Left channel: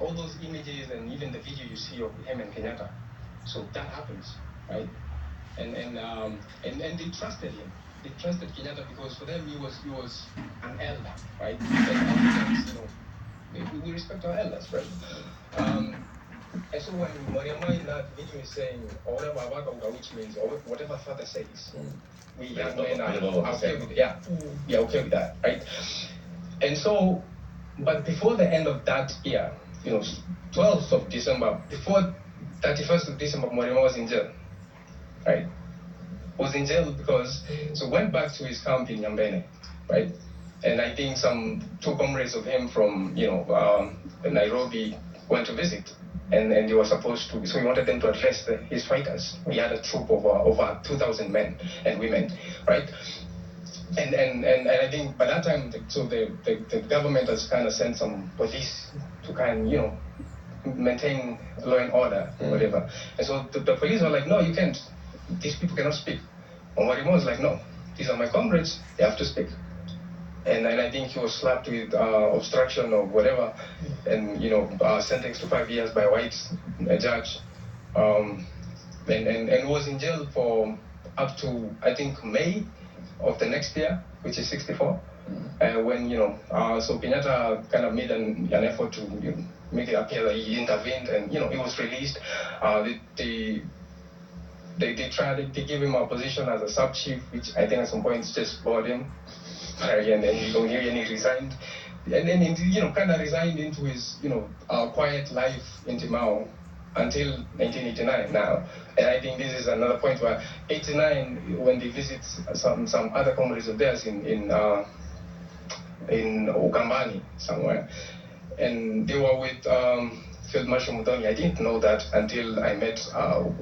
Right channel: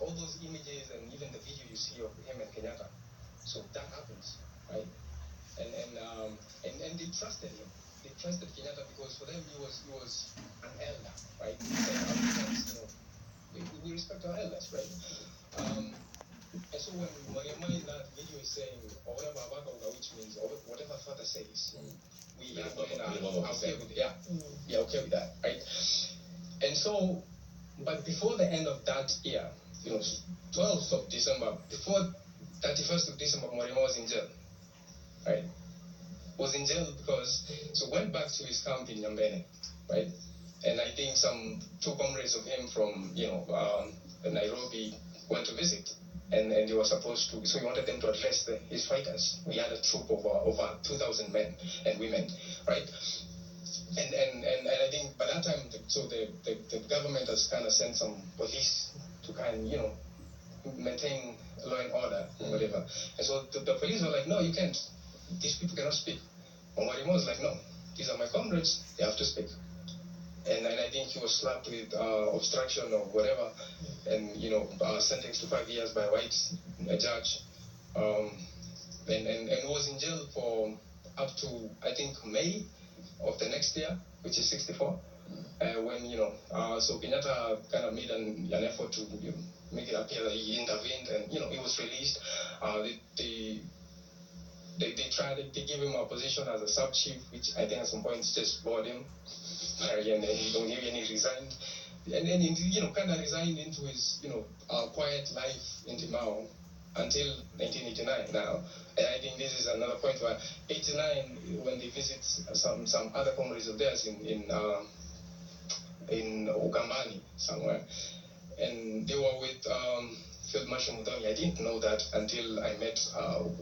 all those images and even the video you see of him and Kenyatta. So that happens, right? And they trusted him. They trusted Kenyatta because for them he was an elder, right? And Africans, we respect our elders, right? And so when Mwariama in that video is saying, which means or whatever father says, we young men are okay with it. Yeah, we are okay with that, right? And so, but before the end of that year, 12th of December, before 31st of December, Mwariama was in jail, right? Was in jail because, so went back to his camp in Yambene, right? And I think some two comrades of him from, Nairobi went to visit. And he was supposed to, so he wanted them to address his fighters. He had a troop of over 2,000 men and women, right? And I think by that time, the government has kind of sent some police to kind of, maintain law and order, whatever. And so the police were like, no, you can't. These people cannot speak. And Mwariama was like, no, these are my comrades. They have to speak. And I think he was slapped with obstruction or whatever, and sentenced to 5 years by a white judge, and was in jail for up to I think May of the next year, which is 64. When so Kenyatta kind of made an effort to make it appear that he intervened, and he was released. They tried. They gave him a position as a sub chief, which I think at some point just bored him. And then he don't hear any resigned, and then he kind of resigned into his quiet life in Timao until 1989 now. And I think this is another point where 89, when they visit some other comrades of theirs in Ukambani somewhere, and they were with Field Marshal Muthoni. I didn't know that until I met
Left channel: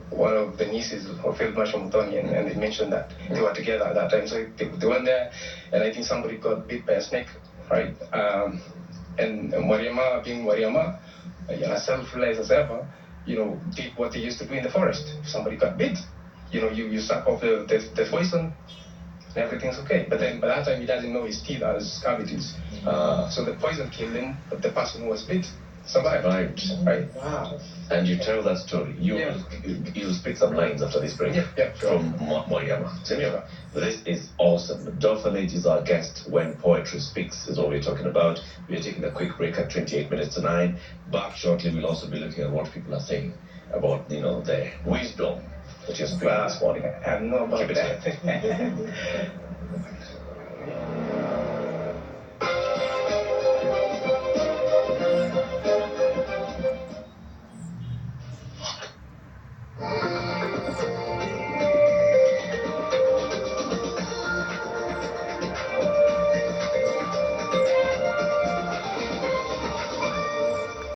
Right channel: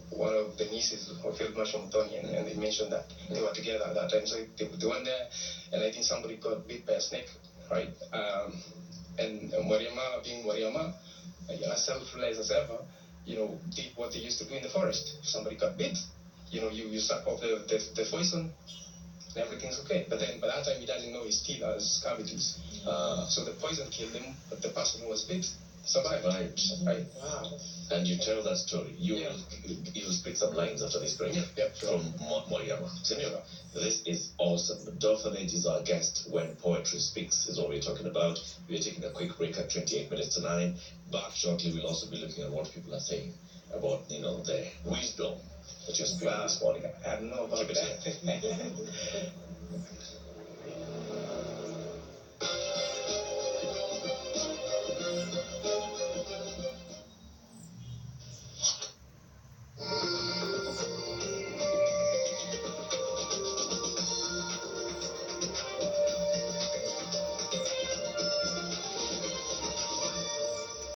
one of the nieces of Field Marshal Muthoni, and they mentioned that they were together at that time. So they went there, and I think somebody got bit by a snake, right? And Mwariama, being Mwariama, self-realized as ever, did what they used to do in the forest. If somebody got bit, you suck off the poison, and everything's okay. But then by that time, he doesn't know his teeth has cavities. So the poison killed him, but the person who was bit survived. Right. Wow. And you tell that story. You'll speak some lines after this break. Yeah, sure. From Mwariama. Senora, this is awesome. Dotha Late is our guest when poetry speaks, is what we're talking about. We're taking a quick break at 28 minutes to 9. Back shortly, we'll also be looking at what people are saying about, the wisdom that you're speaking this morning. I have no about that.